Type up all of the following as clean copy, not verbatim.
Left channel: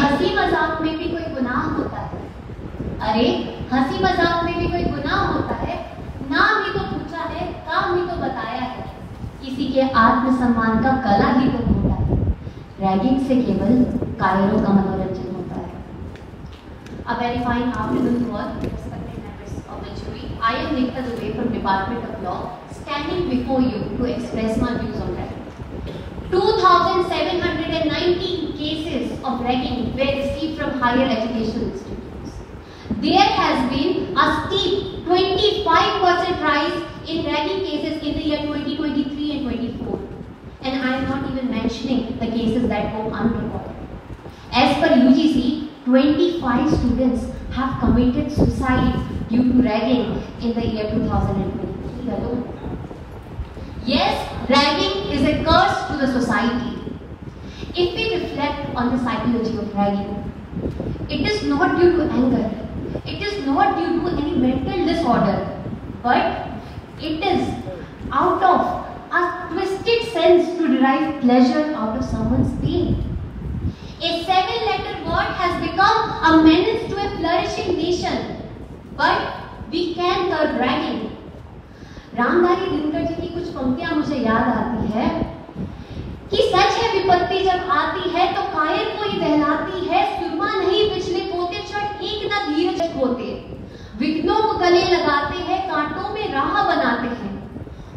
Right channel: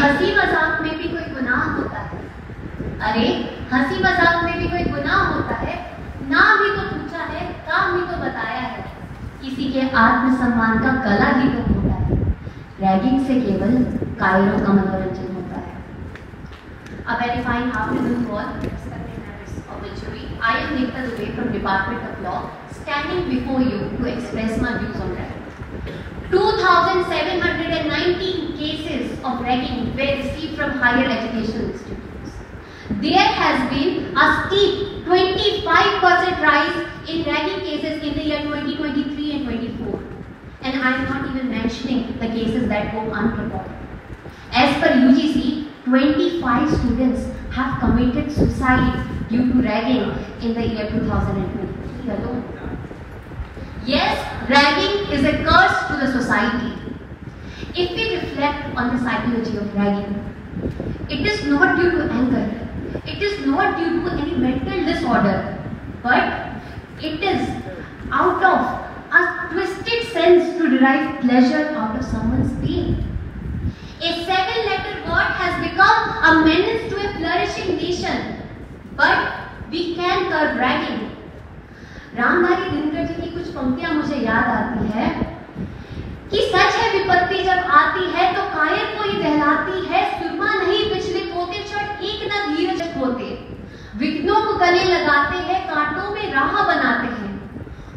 हंसी मजाक में भी कोई गुनाह होता है? अरे हंसी मजाक में भी कोई गुनाह होता है? नाम ही तो पूछा है, काम ही तो बताया है, किसी के आत्मसम्मान का गला ही तो होता है। रैगिंग से केवल कायरों का मनोरंजन होता है। A very fine afternoon to all respected members of the jury. I am Nikta Dubey from Department of Law, standing before you to express my views on ragging. 2,719 cases of ragging were received from higher educational institutions. There has been a steep 25% rise in ragging cases in the year 2023 and 24. And I am not even mentioning the cases that go unreported. As per UGC, 25 students have committed suicide due to ragging in the year 2023 alone. Yes, ragging is a curse to the society. If we reflect on the psychology of ragging, it is not due to anger, it is not due to any mental disorder, but it is out of a twisted sense to derive pleasure out of someone's pain. A 7-letter word has become a menace to a flourishing nation, but we can curb ragging. Ramdhari Dinkar ji की कुछ पंक्तियां मुझे याद आती है कि सच है विपत्ति जब आती है तो कायर को ही दहलाती है, सुरमा नहीं पिछले पोते क्षण एक न धीरज होते, विघ्नों को गले लगाते हैं, कांटों में राह बनाते हैं।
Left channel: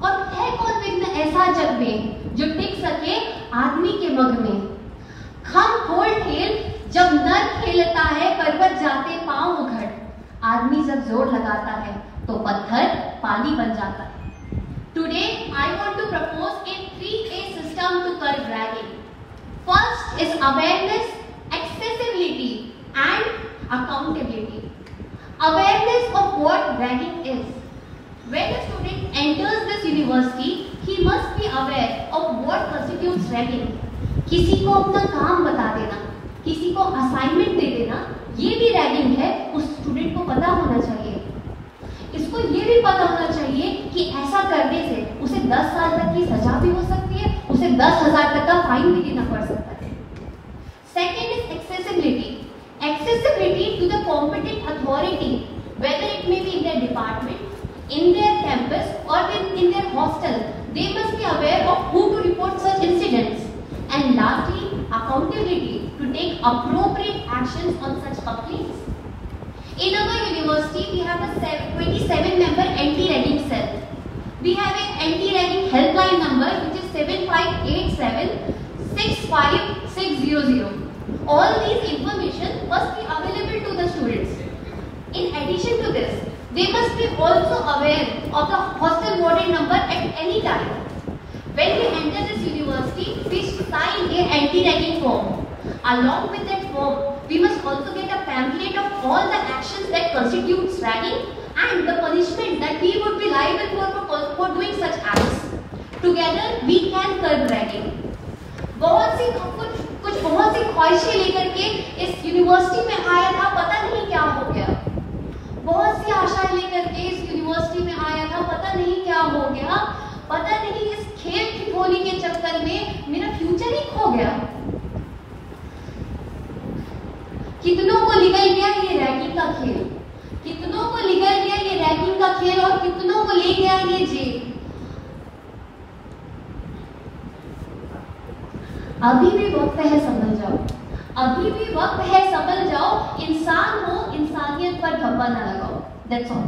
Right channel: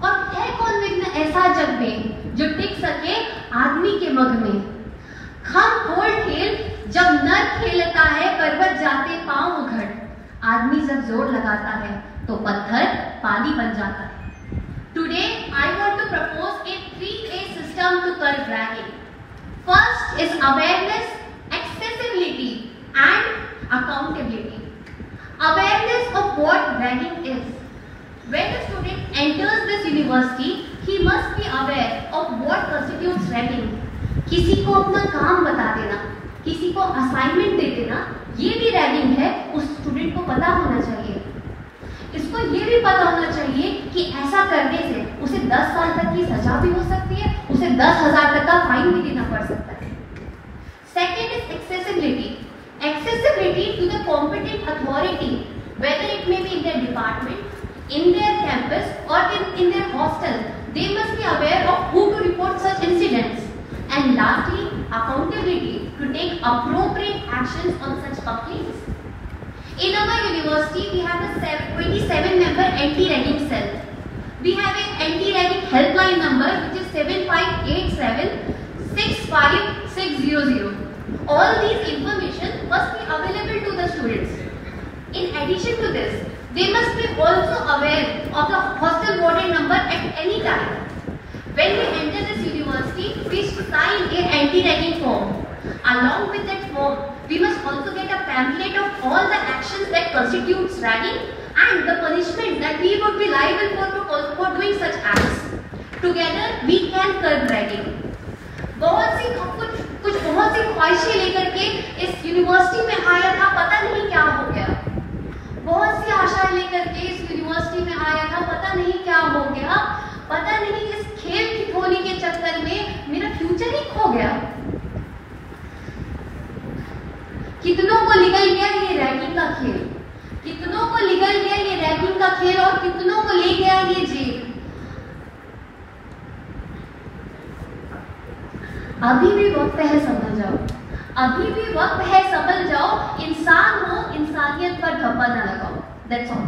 और है कौन विघ्न ऐसा जग में जो टिक सके आदमी के मग में? खम खोल खेल जब नर खेलता है, पर्वत जाते पांव उघड़, आदमी जब जोर लगाता है तो पत्थर पानी बन जाता है। Today I want to propose a 3A system to curb ragging. First is awareness, accessibility and accountability. Awareness of what ragging is. When a student enters this university, he must be aware of what constitutes ragging. किसी को अपना काम बता देना, किसी को assignment दे देना, ये भी रैगिंग है, उस स्टूडेंट को पता होना चाहिए। इसको ये भी पता होना चाहिए कि ऐसा करने से उसे 10 साल तक की सजा भी हो सकती है, उसे 10,000 तक का फाइन भी देना पड़ सकता है। Second is accessibility. Accessibility to the competent authority, whether it may be in their department, in their campus or in their hostel. They must be aware of who to report such incidents. And lastly, accountability to take appropriate actions on such complaints. In our university, we have a 27-member anti-ragging cell. We have an anti-ragging helpline number which is 7587-65600. All these information must be available to the students. In addition to this, they must be also aware of the hostel warden number at any time. When we enter this university, we sign a anti-ragging form. Along with that form, we must also get a pamphlet of all the actions that constitutes ragging and the punishment that we would be liable for doing such acts. Together, we can curb ragging. बहुत सी ख्वाहिशें लेकर के इस university में आया था, पता नहीं क्या हो गया। बहुत सी आशाएं लेकर के इस यूनिवर्सिटी में आया था, पता नहीं क्या हो गया। पता नहीं इस खेल खिलौने के चक्कर में मेरा फ्यूचर ही खो गया। कितनों को निकल गया ये रैगिंग का खेल, कितनों को निकल गया ये रैगिंग का खेल और कितनों को ले गया ये जेल। अभी भी वक्त है संभल जाओ, अभी भी वक्त है संभल जाओ, इंसान हो इंसानियत पर धब्बा न लगाओ। That's all.